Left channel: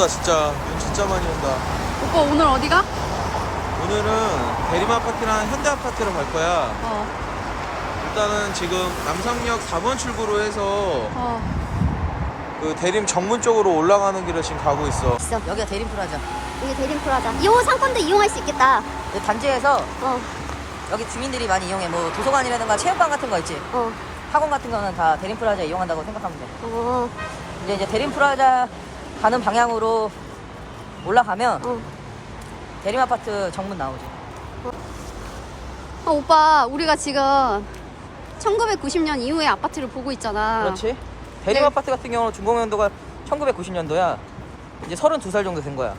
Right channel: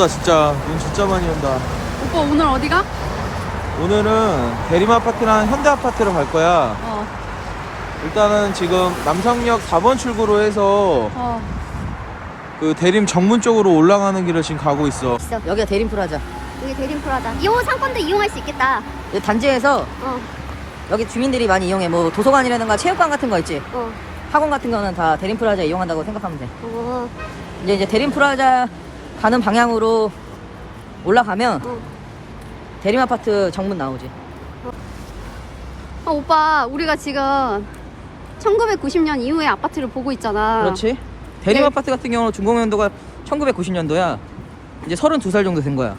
온다 진짜. 눈 진짜 많이 온다. 오빠 오늘 어디가? 오늘은 대림아파트랑 현대아파트로 갈 거야. 일단은 지금 남성역 4번 출구로 해서 그 대림 정문 쪽으로 올라가는 길을 지금 가고 있어. 여기가 대림프라자. 여기 대림프라자. 이 상권도 이용할 수 있겠다. 이 단지에서 여기 주민들이 많이 이용해. 뭐 도서관이라든가 체육관 같은 거 있지. 학원 같은 거는 다 대림프라자 이용한다고 생각하면 돼. 이제 대림프라자 가는 방향으로 올라가면 대림아파트 정문 나오지. 오빠 우리가 지금 1990년 이후의 아파트를 보고 있잖아. 그렇지. 대림아파트 같은 경우는 준공연도가 1990년도야. 이제 32살 정도 된 거야.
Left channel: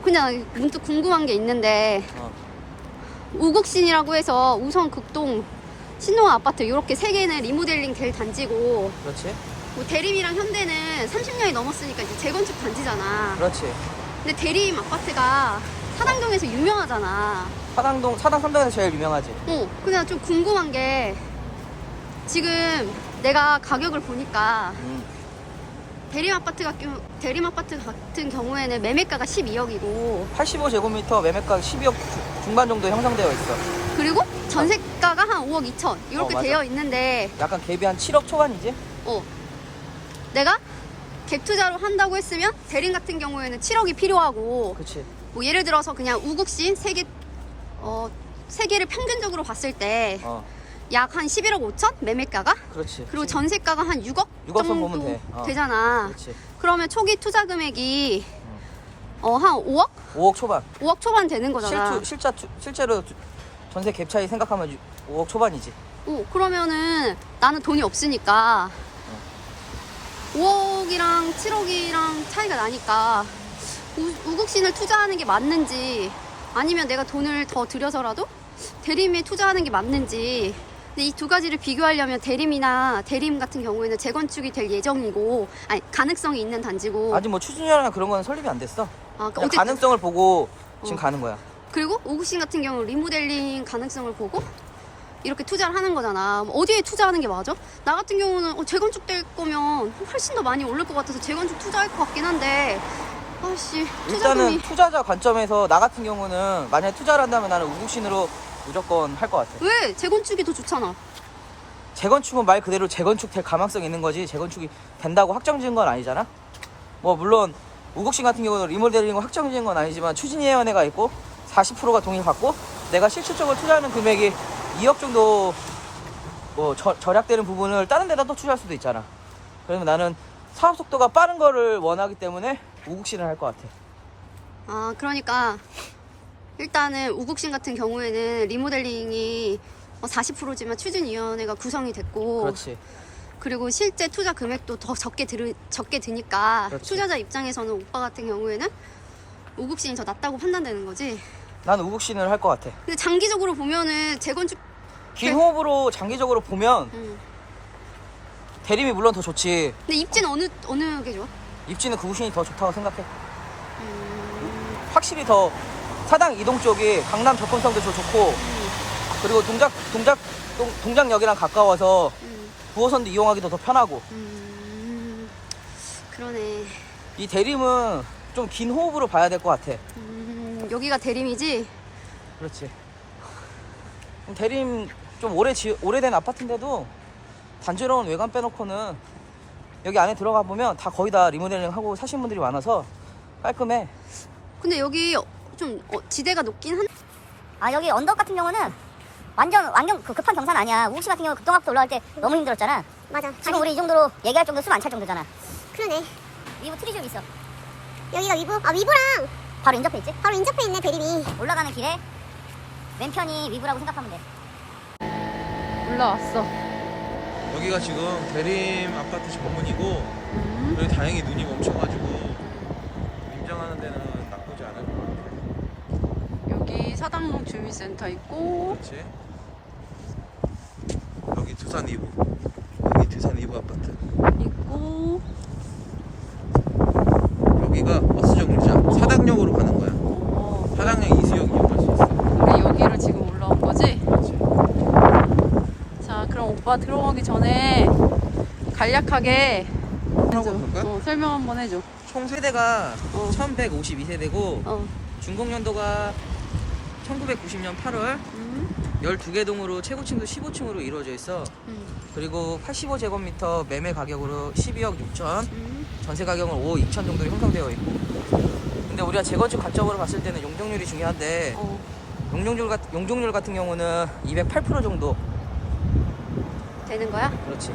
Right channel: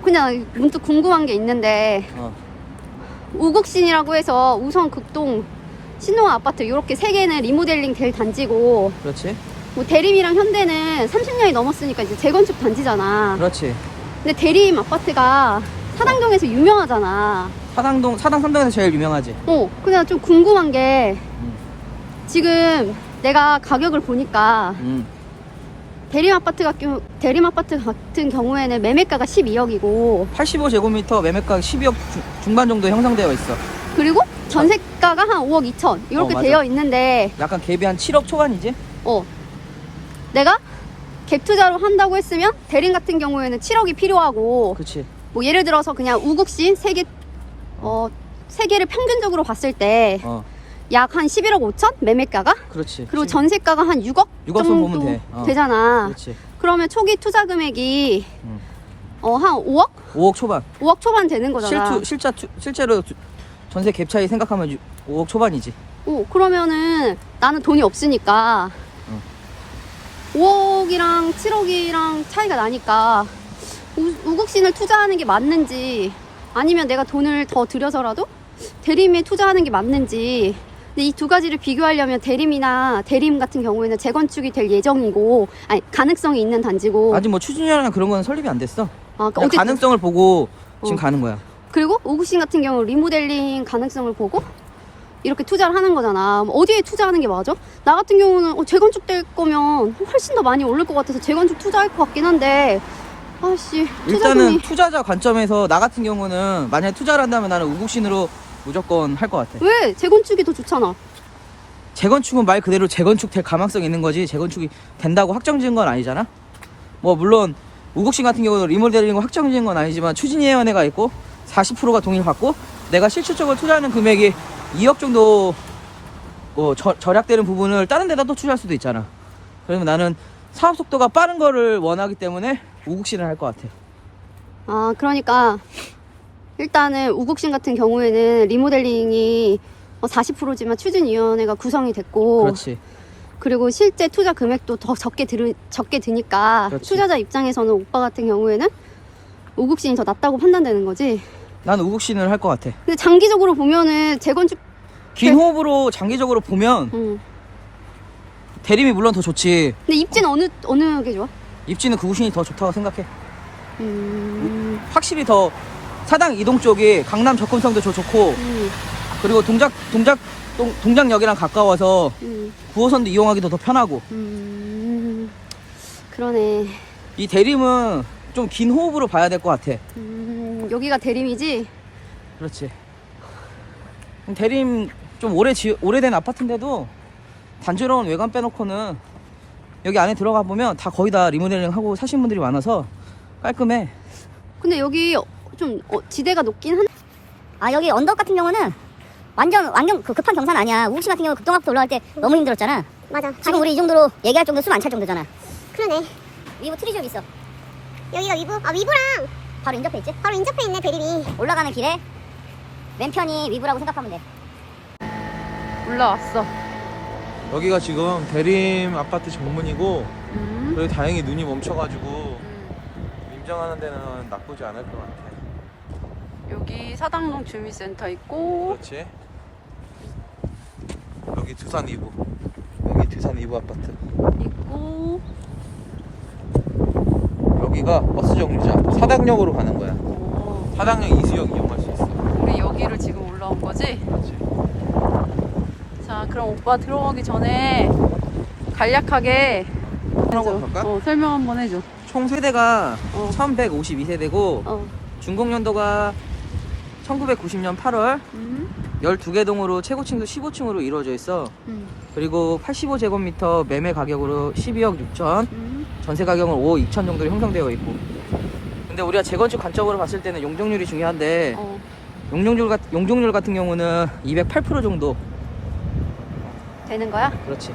그냥 문득 궁금한 게 있는데 우국신이라고 해서 우선 극동 신동 아파트 이렇게 세 개는 리모델링 될 단지고, 그렇지. 뭐 대림이랑 현대는 30년이 넘었으니까 이제 재건축 단지잖아. 그렇지. 근데 대림 아파트가 사당동에서 유명하잖아. 사당 3동에서 제일 유명하지. 그냥 좀 궁금한 게 지금 내가 가격을 보니까 대림 아파트 같은 경우에는 매매가가 12억이고 85제곱미터 매매가 12억 중반 정도 형성되어 있어. 그리고 전세가가 한 5억 2천 이렇게 맞아. 되어 있는데 약간 갭이 한 7억 초반이지? 내가 갭 투자로 한다고 했으면 대림 같은 경우에는 7억이 필요하고, 그렇지. 뭐 예를 들어서 그냥 우국신 세 개를 평균적으로 봤을 때 약 한 11억 5천 매매가가? 그렇지. 그리고 전세가가 한 6억 6억 정도 보면 돼. 되잖아. 그렇지. 그러면 초기 투자 금액이 한 5억? 5억 초반. 5억 초반 되는 거잖아. 실제로 전세 갭 차이 생각하면 5억 초반이지. 그러면은 나는 돈이 없으니까 5억이랑 7억이랑 차이가 나니까 우국신을 투자하는 게 맞는지, 아니면 내가 돈을 더 들여서라도 대림에 투자하는 게 맞는지. 근데 이 두 가지를 비교하려면 대림 같은 경우에는 재건축이 될 예정이고, 아니 가능성이 있는 단지고. 아직 뭐 추진이나 그런 건 설립이 안 됐어. 그러니까 어쨌든 가능성을 보고 지금 가는 거야. 그리고 우국신 같은 경우 리모델링 가능성을 보고 이렇게 투자를 하는 거잖아. 어디에 투자하는 게 맞아? 나 같은 경우는 재건축 될 거면 훨씬 더 많이 오를 것 같아서 재건축 투자할 것 같긴 한데, 투자금이. 일단은 투자자 관점에서 나 같은 경우는 만약에 투자를 한다면 나는 우국신으로 무조건 할 것 같아. 왜? 재건축이 더 좋잖아. 재건축은 말 그대로 재건축 될 가망성이 있는 거지 재건축이 된다고 확정지은 건 아니잖아. 뭐 물론 우국신 같은 경우는 리모델링 확정지은 건 아니지만 추진위원회가 있고 40%가 동의를 받고 내가 실질적으로 투자하는 금액이 2억 정도 뭐 절약되는 부분을 다른 데다 또 투자할 수도 있잖아. 그래서 나는 사업 속도가 빠른 거를 원하기 때문에 우국신을 할 것 같아. 그러니까 일단은 우국신 같은 경우에는 리모델링이 40%지만 추진위원회가 구성이 됐고, 그렇지. 그리고 실제 투자 금액도 더 적게 드니까 그렇지. 투자자 입장에서는 오빠 같은 경우에는 우국신이 더 낫다고 판단되는 거지. 난 우국신을 할 것 같아. 근데 장기적으로 보면은 재건축 긴 호흡으로 장기적으로 보면 대림이 물론 더 좋지. 근데 입지는 어느 게 좋아? 입지는 구신이 더 좋다고 생각해. 확실히 더 사당 이동 쪽이 강남 접근성도 좋고 그리고 동작역이랑 가까워서 9호선도 이용하기도 더 편하고. 그러네. 이 대림은 좀 긴 호흡으로 봐야 될 것 같아. 여기가 대림이지? 그렇지. 대림 좀 오래된 아파트인데도 단조로운 외관 빼놓고는 여기 안에 들어가 보면 다 거의 다 리모델링 하고 사신 분들이 많아서 깔끔해. 근데 여기 좀 지대가 높긴 한. 여기 언덕 같은 경우는 완전 급한 경사는 아니야. 우국신 같은 경우 북동학도 올라갈 때 너무 힘들었잖아. 맞아. 지금 우리 이 정도로 얘기할 정도 숨 안 찰 정도잖아. 그러네. 위브 트리점 있어. 여기가 위브? 위브랑 바로 인접해 있지? 바로 인접해 있네, 대림이. 올라가는 길에 왼편이 위브라고 생각하면 돼. 올라왔어. 여기가 지금 대림 아파트 정문이고, 그리고 다행히 눈이 멈춰가지고 인정하는 데는 나쁘지 않을 것 같아. 여기 사당동 주민센터 있고, 그렇지. 여기 두산 이브. 여기 두산 이브 아파트. 있고, 여기가 버스 정류장. 사당역으로 가는 거야. 사당역 이수역 이용할 수 있어. 우리 여기로 지금 올라온 거지? 그렇지. 자, 그럼 오빠 들어가기 전에 간략하게 설명 한번 할까? 설명 한번 해줘. 총 세대가 어. 1152세대고 어. 준공연도가 1990년 8월 12개 동으로 최고층도 15층으로 이루어져 있어. 그리고 85제곱미터 매매 가격으로 12억 6천, 전세 가격은 5억 2천 정도 형성되어 있고. 근데 우리가 재건축 관점으로 봤을 때는 용적률이 중요한데 어. 용적률 같은 경우는 208% 정도. 되는 거야? 그렇지.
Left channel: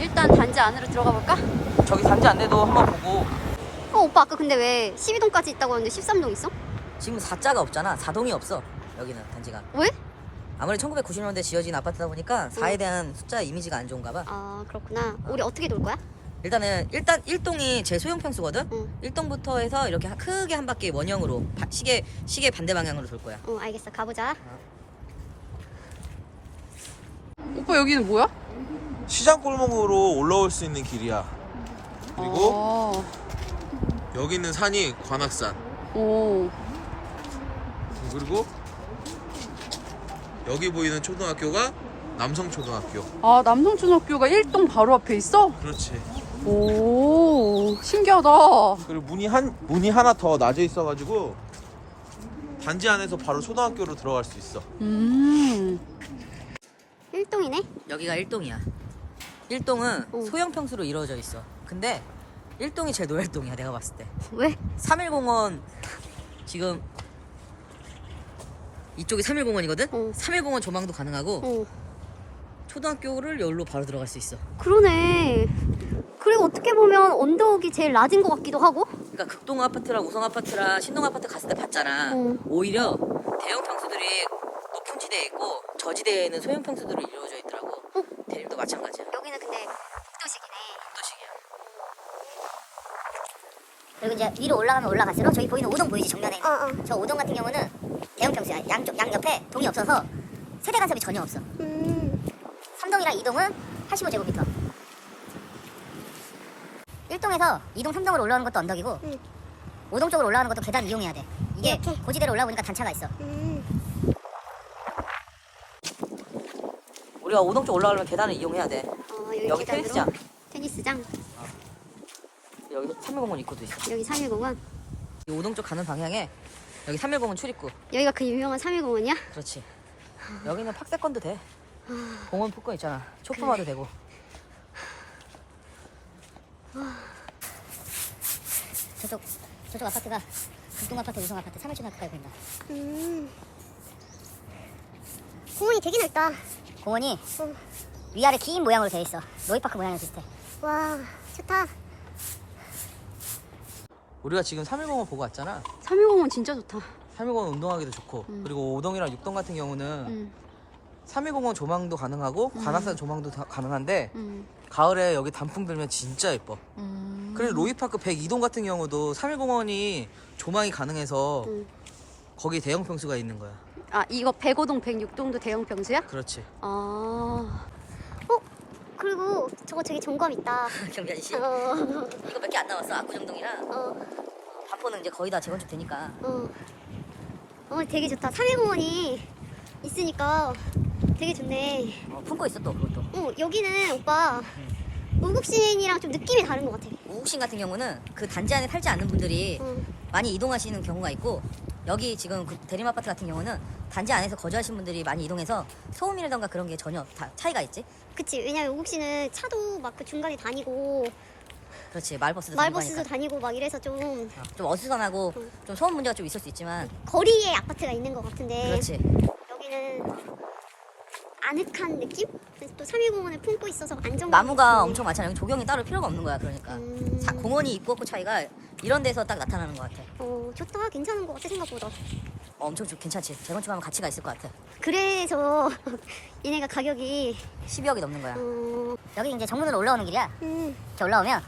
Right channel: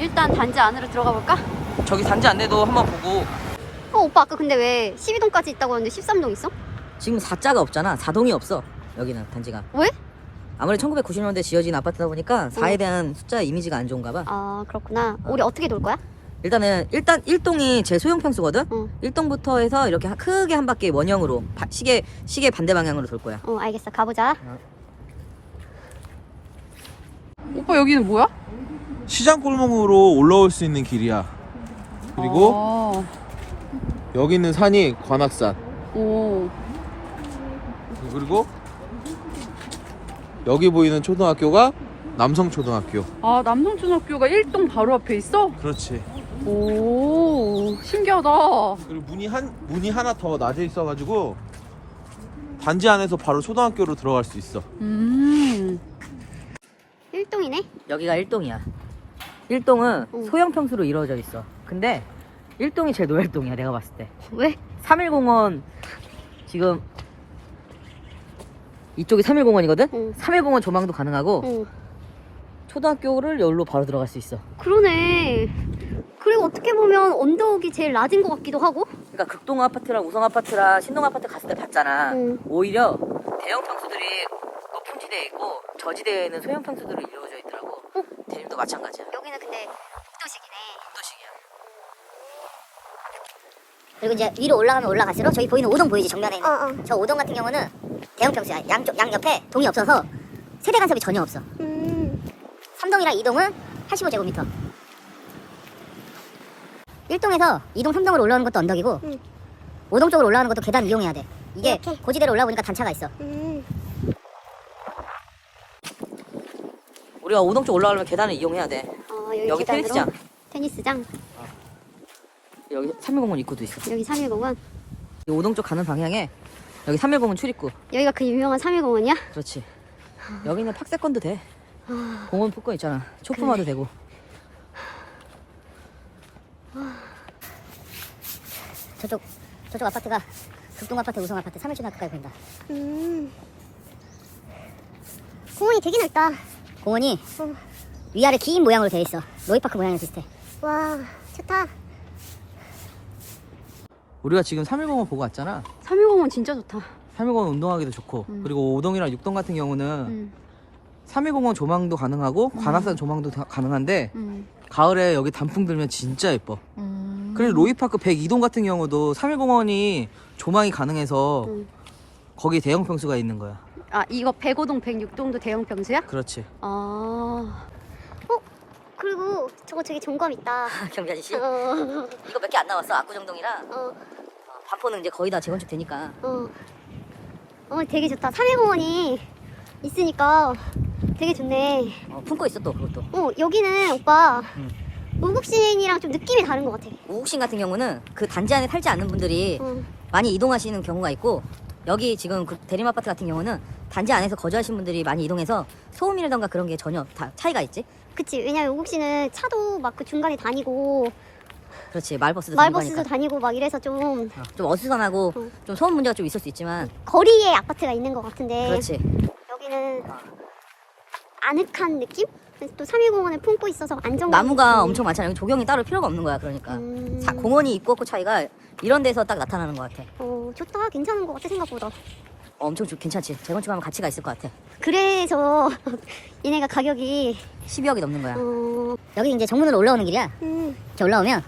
일단 단지 안으로 들어가 볼까? 저기 단지 안내도 한번 보고. 오빠 아까 근데 왜 12동까지 있다고 했는데 13동 있어? 지금 4자가 없잖아. 4동이 없어. 여기는 단지가. 왜? 아무래도 1990년대 지어진 아파트다 보니까 4에 대한 숫자 이미지가 안 좋은가 봐. 아 그렇구나. 우리 어떻게 돌 거야? 일단 1동이 제 소형 평수거든. 응. 1동부터 해서 이렇게 크게 한 바퀴 원형으로 시계 반대 방향으로 돌 거야. 알겠어. 가보자. 오빠 여기는 뭐야? 시장 골목으로 올라올 수 있는 길이야. 그리고 아, 여기 있는 산이 관악산. 오. 그리고 여기 보이는 초등학교가 남성초등학교. 아, 남성초등학교가 1동 바로 앞에 있어? 그렇지. 오, 신기하다. 그리고 문이 하나 더 낮에 있어가지고 단지 안에서 바로 초등학교로 들어갈 수 있어. 1동이네? 여기가 1동이야. 1동은 응. 소형 평수로 이루어져 있어. 근데 1동이 제일 노엘동이야, 내가 봤을 때. 왜? 3일공원 지금 이쪽이 3일공원이거든? 응. 3일공원 조망도 가능하고 어. 초등학교를 여기로 바로 들어갈 수 있어. 그러네. 그리고 어떻게 보면 언덕이 제일 낮은 것 같기도 하고. 그러니까 극동 아파트랑 우성 아파트랑 신동 아파트 갔을 때 봤잖아. 응. 오히려 대형 평수들이 높은 지대에 있고 저지대에는 소형 평수들이 이루어져 있더라고. 대림도 마찬가지야. 여기는 근데 복도식이네. 그리고 이제 위로 올라가면 올라갈수록 저기 보이는 5동 보이지 정면에 있는 어. 저 5동 같은 경우는 대형 평수야. 양 옆에 동이 없어서 세대 간섭이 전혀 없어. 3동이랑 2동은 85제곱미터. 1동에서 2동 3동으로 올라오는 것도 언덕이고 5동 쪽으로 올라오는 것도 계단 이용해야 돼. 이게 이렇게? 고지대로 올라오니까 단차가 있어. 우리가 5동 쪽 올라가려면 계단을 이용해야 돼. 여기 여기 계단으로. 테니스장. 여기 3일공원 입구도 있어. 여기 3일공원. 5동 쪽 가는 방향에 여기 3일공원 출입구. 여기가 그 유명한 3일공원이야? 그렇지. 여기는 팍세권도 돼. 공원 풀권 있잖아. 초품화도 되고. 저쪽 아파트가 극동 아파트, 우성 아파트, 3일초등학교까지 보인다. 공원이 되게 넓다. 공원이 위아래 긴 모양으로 되어 있어. 노이파크 모양이랑 비슷해. 와, 좋다. 우리가 지금 3일공원 보고 왔잖아. 3일공원 진짜 좋다. 3일공원 운동하기도 좋고. 그리고 5동이랑 6동 같은 경우는 3일공원 조망도 가능하고 관악산 조망도 가능한데 가을에 여기 단풍 들면 진짜 예뻐. 그리고 로이파크 102동 같은 경우도 3일공원이 조망이 가능해서 거기 대형 평수가 있는 거야. 아 이거 105동 106동도 대형 평수야? 그렇지. 그리고 저기 점검 있다. 경비 아저씨? 어. 이거 몇 개 안 나왔어. 압구정동이랑 어. 반포는 이제 거의 다 재건축 되니까. 되게 좋다. 3일공원이 있으니까 되게 좋네. 품고 있어 또. 그리고 또. 여기는 오빠 우국신이랑 좀 느낌이 다른 것 같아. 우국신 같은 경우는 그 단지 안에 살지 않는 분들이 많이 이동하시는 경우가 있고 여기 지금 그 대림 아파트 같은 경우는 단지 안에서 거주하시는 분들이 많이 이동해서 소음이라던가 그런 게 전혀 다 차이가 있지. 그치. 왜냐면 우국신은 차도 막 그 중간에 다니고 그렇지. 마을버스도 마을버스도 다니고 막 이래서 좀 좀 어수선하고 좀 소음 문제가 좀 있을 수 있지만 거리에 아파트가 있는 것 같은데 그렇지. 여기는 아늑한 느낌? 그래서 또 3일공원을 품고 있어서 안정감. 나무가 엄청 많잖아. 여기 조경이 따로 필요가 없는 거야. 그러니까 공원이 있고 없고 차이가 이런 데서 딱 나타나는 것 같아. 좋다. 괜찮은 것 같아 생각보다. 엄청 괜찮지. 재건축하면 가치가 있을 것 같아. 그래서 얘네가 가격이 12억이 넘는 거야. 여기 이제 정문으로 올라오는 길이야. 이렇게 올라오면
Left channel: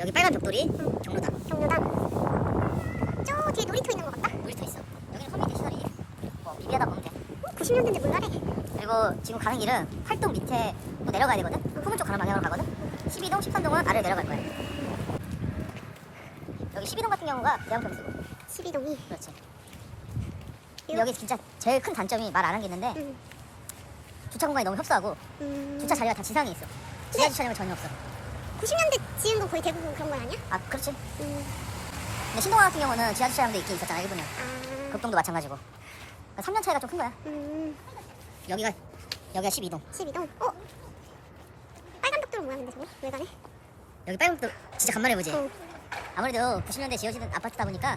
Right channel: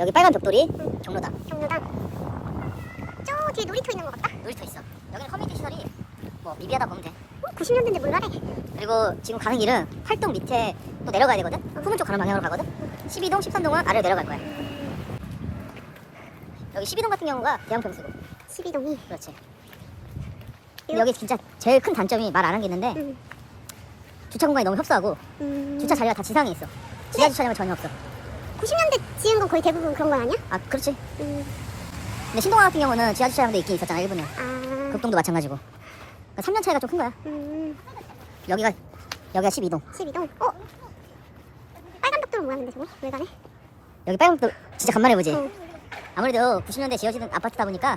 여기 빨간 벽돌이 경로당. 저 뒤에 놀이터 있는 것 같다. 놀이터 있어. 여기는 커뮤니티 시설이 뭐 미비하다 보면 돼. 90년대인데 뭘 가래? 그리고 지금 가는 길은 활동 밑에 또 내려가야 되거든. 푸른 쪽 가는 방향으로 가거든. 12동, 13동은 아래로 내려갈 거야. 여기 12동 같은 경우가 대형 평수고. 12동이. 그렇지. 여기 진짜 제일 큰 단점이 말 안 한 게 있는데 주차 공간이 너무 협소하고 주차 자리가 다 지상에 있어. 지하 주차장은 전혀 없어. 90년대 지은 건 거의 대부분 그런 건 아니야? 아, 그렇지. 근데 신동아 같은 경우는 지하 주차장도 있긴 있었잖아, 일부는. 아, 복동도 마찬가지고. 3년 차이가 좀 큰 거야. 여기가 12동. 12동. 빨간 벽돌은 뭐야 근데 저거? 왜 가네? 여기 빨간 벽돌 진짜 간만에 보지. 어. 아무래도 90년대 지어진 아파트다 보니까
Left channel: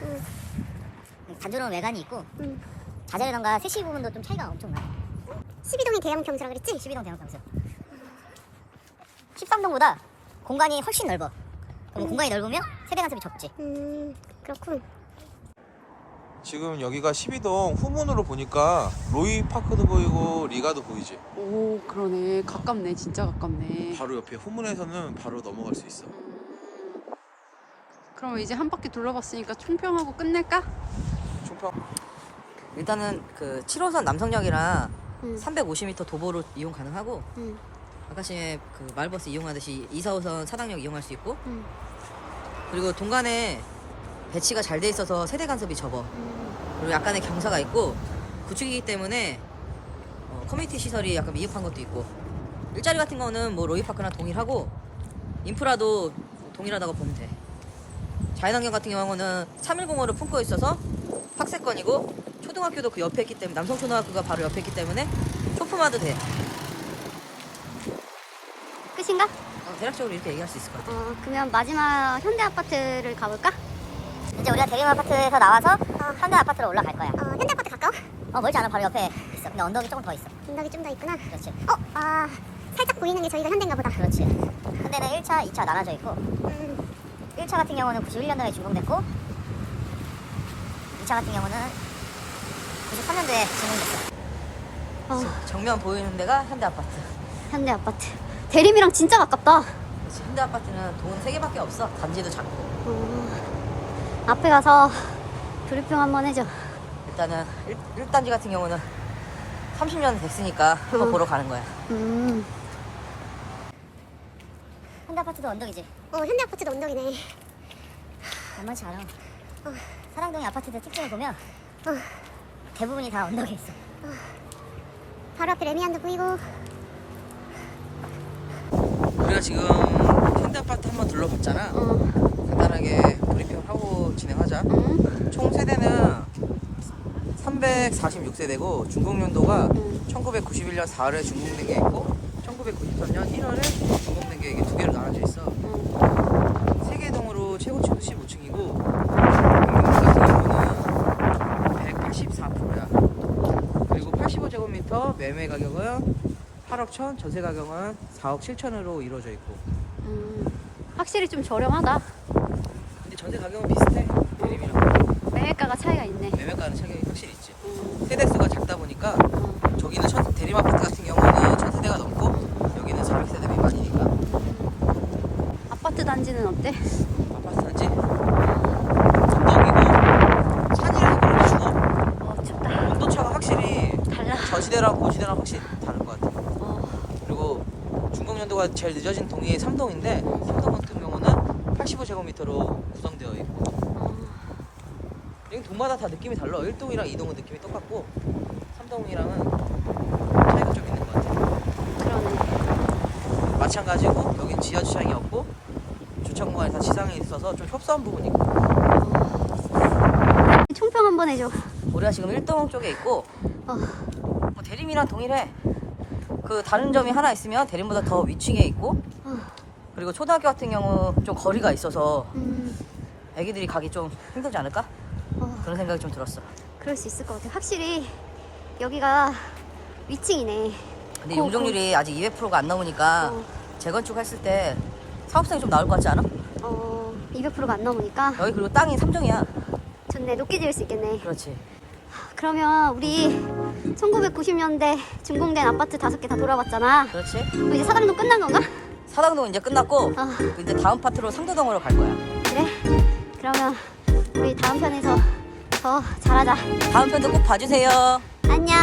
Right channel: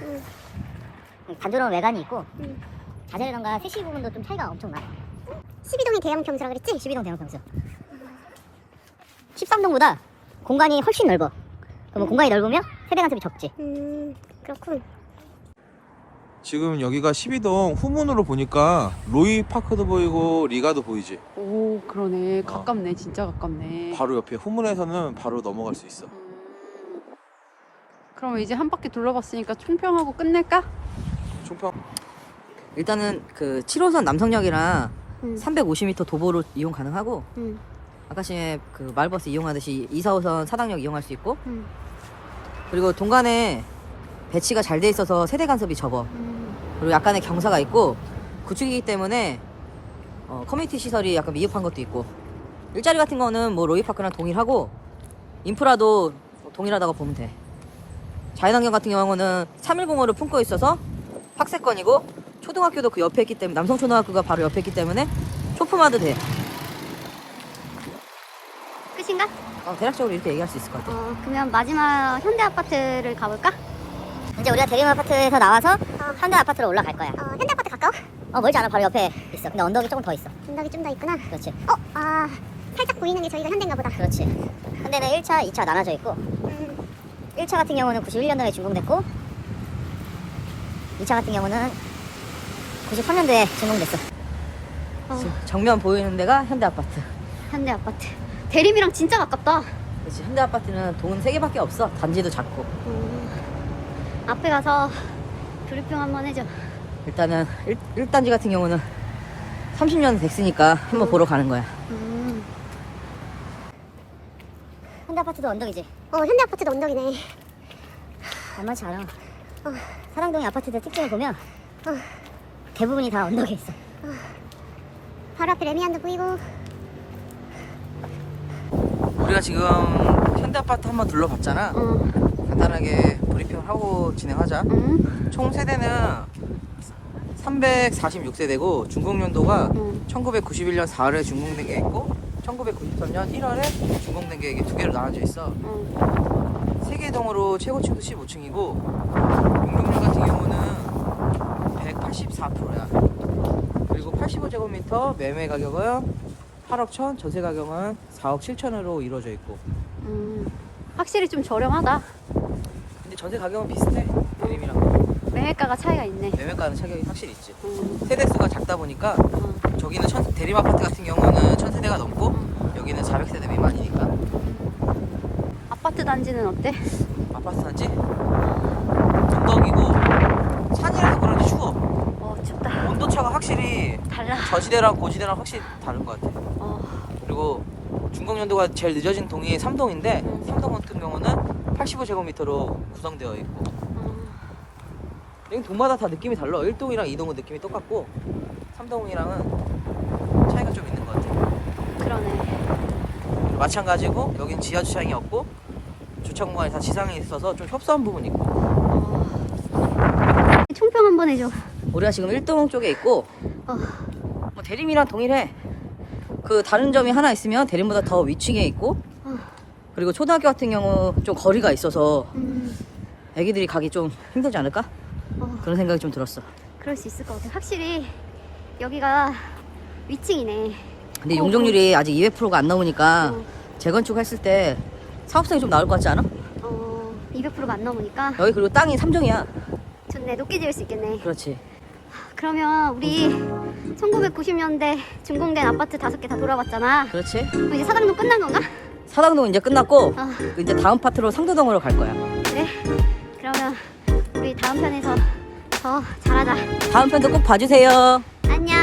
단조로운 외관이 있고 자재라던가 세시 부분도 좀 차이가 엄청 나. 12동이 대형 평수라 그랬지? 12동 대형 평수. 13동보다 공간이 훨씬 넓어. 그럼 공간이 넓으면 세대 간섭이 적지. 그렇군. 지금 여기가 12동 후문으로 보니까 로이파크도 보이고 리가도 보이지. 오, 그러네. 가깝네. 진짜 가깝네. 바로 옆에 후문에서는 바로 넘어갈 수 있어. 그럼 이제 한 바퀴 둘러봤으니까 총평하고 끝낼까? 총평. 일단은 그 7호선 남성역이랑 350m 도보로 이용 가능하고 아까 전에 그 마을버스 이용하듯이 2, 4호선 사당역 이용할 수 있고 그리고 동간에 배치가 잘 돼 있어서 세대 간섭이 적어. 그리고 약간의 경사가 있고 구축이기 때문에 커뮤니티 시설이 약간 미흡한 것도 있고 일자리 같은 거는 뭐 로이파크랑 동일하고 인프라도 동일하다고 보면 돼. 자연환경 같은 경우는 310호를 품고 있어서 학세권이고 초등학교도 그 옆에 있기 때문에 남성초등학교가 바로 옆에 있기 때문에 쇼품화도 돼. 끝인가? 대략적으로 이렇게 얘기할 수 있을 것 같아. 그러면 마지막 현대 아파트를 가볼까? 이제 우리가 대림 아파트에서 나와서 현대 아파트로 올라갈 거야. 현대 아파트 가까워? 멀지 않아. 바로 옆에 있어. 근데 언덕이 조금 더 있어. 언덕이 좀 더 있구나. 그렇지. 살짝 보이는 게 저희가 현대인가 보다. 그렇지. 현대는 1차, 2차 나눠져 있고 1차 같은 경우는 91년도에 준공됐고 2차 같은 경우는 93년도에 준공됐어. 정면 보이는 데가 현대 아파트. 현대 아파트. 대림이랑 진짜 가깝다. 그렇지. 현대 아파트는 동은 3개밖에 없어. 단지도 작고. 앞에 가서 브리핑 한번 해줘. 일단은 1단지 같은 경우는 30년 됐으니까 한번 보러 가는 거야. 현대 아파트도 언덕이지. 현대 아파트도 언덕이네. 만만치 않아. 사랑동의 아파트들 특징을 보면 대부분이 다 언덕에 있어. 바로 앞에 레미안도 보이고. 우리가 지금 현대 아파트 한번 둘러봤잖아. 간단하게 브리핑을 하고 진행하자. 총 세대는 346세대고 중공년도가 1991년 4월에 준공된 게 있고 1993년 1월에 준공된 게 이게 두 개로 나눠져 있어. 3개 동으로 최고층도 15층이고 공격비 같은 경우는 184%야. 그리고 85제곱미터 매매 가격은 8억 1천, 전세 가격은 4억 7천으로 이루어져 있고. 확실히 좀 저렴하다. 근데 전세 가격은 비슷해. 대림이랑 매매가가 차이가 있네. 매매가는 차격이 확실히 있지. 세대수가 작다 보니까 저기는 대림 아파트 같은 경우는 1000세대가 넘고 여기는 400세대 미만이니까. 아파트 단지는 어때? 아파트 단지 언덕이고 산이라서 너무 추워. 춥다. 온도차가 확실히 달라. 저지대랑 고지대랑 확실히 다른 것 같아. 그리고 준공연도가 제일 늦어진 동이 3동인데 3동 같은 경우는 85제곱미터로 구성되어 있고 여기 동마다 다 느낌이 달라. 1동이랑 2동은 느낌이 똑같고 3동이랑은 차이가 좀 있는 것 같아. 그러네. 마찬가지고 여긴 지하 주차장이 없고 주차 공간이 다 지상에 있어서 좀 협소한 부분이 있고. 총평 한번 해줘. 우리가 지금 1동 쪽에 있고 뭐 대림이랑 동일해. 그 다른 점이 하나 있으면 대림보다 더 위층에 있고 그리고 초등학교 같은 경우 좀 거리가 있어서 애기들이 가기 좀 힘들지 않을까? 그런 생각이 좀 들었어. 그럴 수 있을 것 같아. 확실히 여기가 위층이네. 근데 용적률이 아직 200%가 안 나오니까 재건축 했을 때 사업성이 좀 나올 것 같지 않아? 200%가 안 넘으니까 여기 그리고 땅이 3종이야. 좋네. 높게 지을 수 있겠네. 그렇지. 그러면 우리 1990년대 준공된 아파트 5개 다 돌아봤잖아. 그렇지. 그럼 이제 사당동 끝난 건가? 사당동 이제 끝났고 이제 다음 파트로 상도동으로 갈 거야. 그래? 그러면 우리 다음 편에서 더 잘하자. 다음 편도 꼭 봐주세요. 안녕.